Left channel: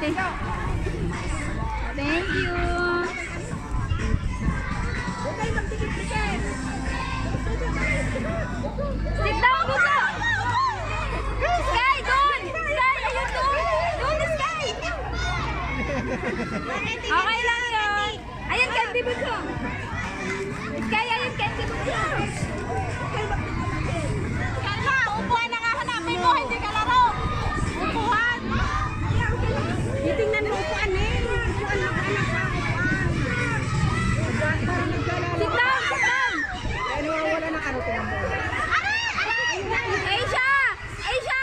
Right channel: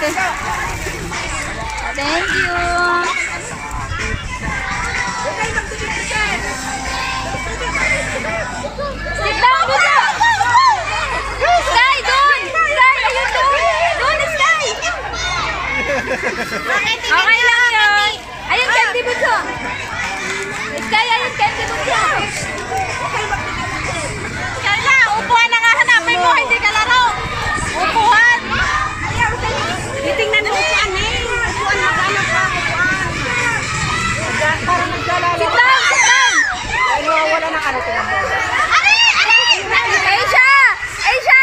Thank you. Sit down, dito. Sky, doon. Sky, ayun doon. Doon, Sky. Okay lang yun. Ayun, Candy Bunso. Sky, ayun, Candy Bunso. Carla, upuan na nga hanapin mo. Hindi ka laro. Upuan. Titingnan mo upuan eh. Upuan, maghanap ka upuan. Para naglalala. Sit down, sit down. Ay, nawawala ng ano tinampo. Aisha! Aisha!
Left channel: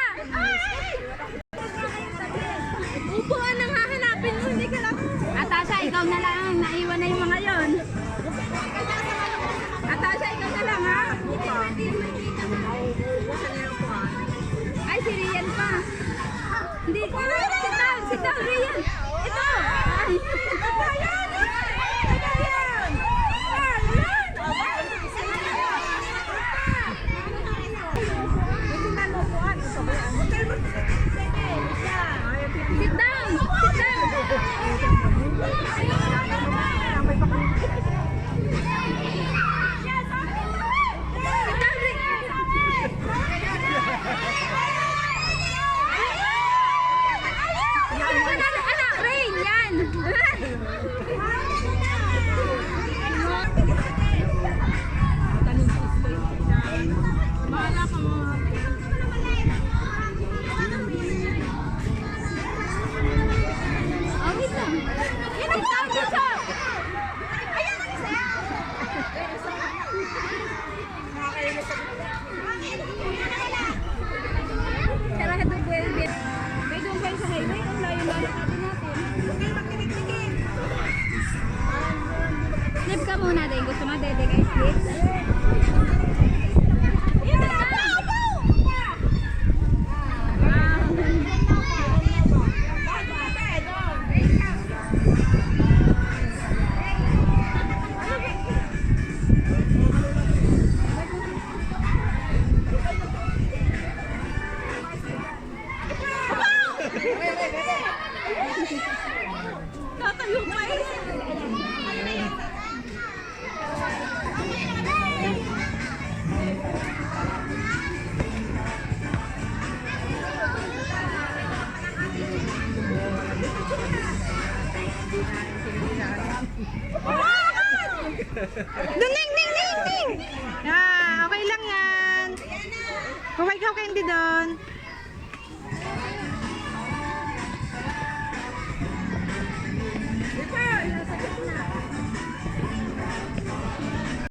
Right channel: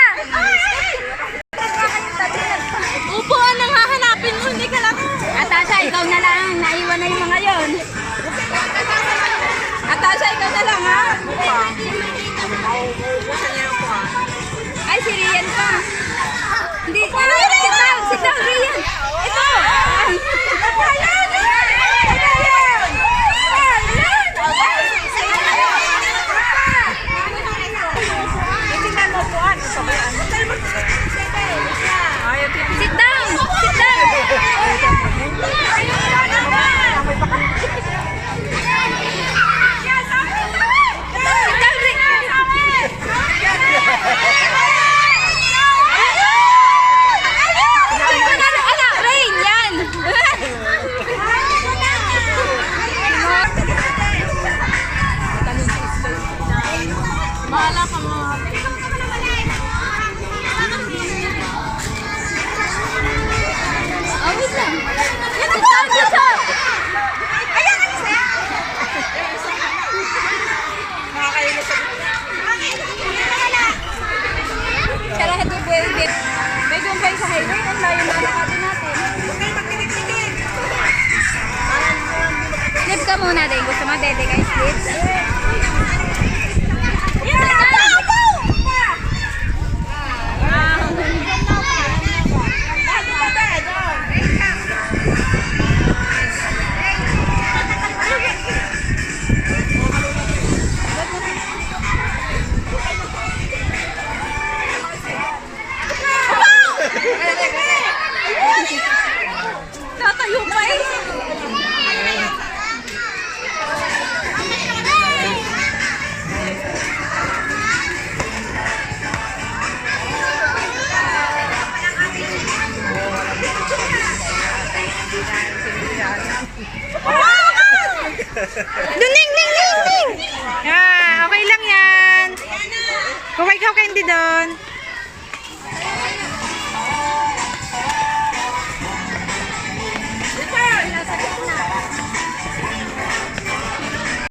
Upuan ang hahanapin mo, hindi ka lang. Atasha, ikaw na lang. Naiwan na yung mga yon. Atasha, ikaw na lang, ha? Ay, si Rian pa. Hindi. Sit down, Rian. Ito. Titingnan mo upuan. Sit down. Sit down. Rain, yan. Bahala ka mo. Oh, wait lang. Yan ang tawag dito. Sarado po yung dip. May gumpay sa highway. Ang layo na nakati natin. Slip ka muna din. Gusto mo dede kay slip? Tatayo pa eh. Ning, ning, ning, ning. Okay lang yan. Kumain ka hindi doon.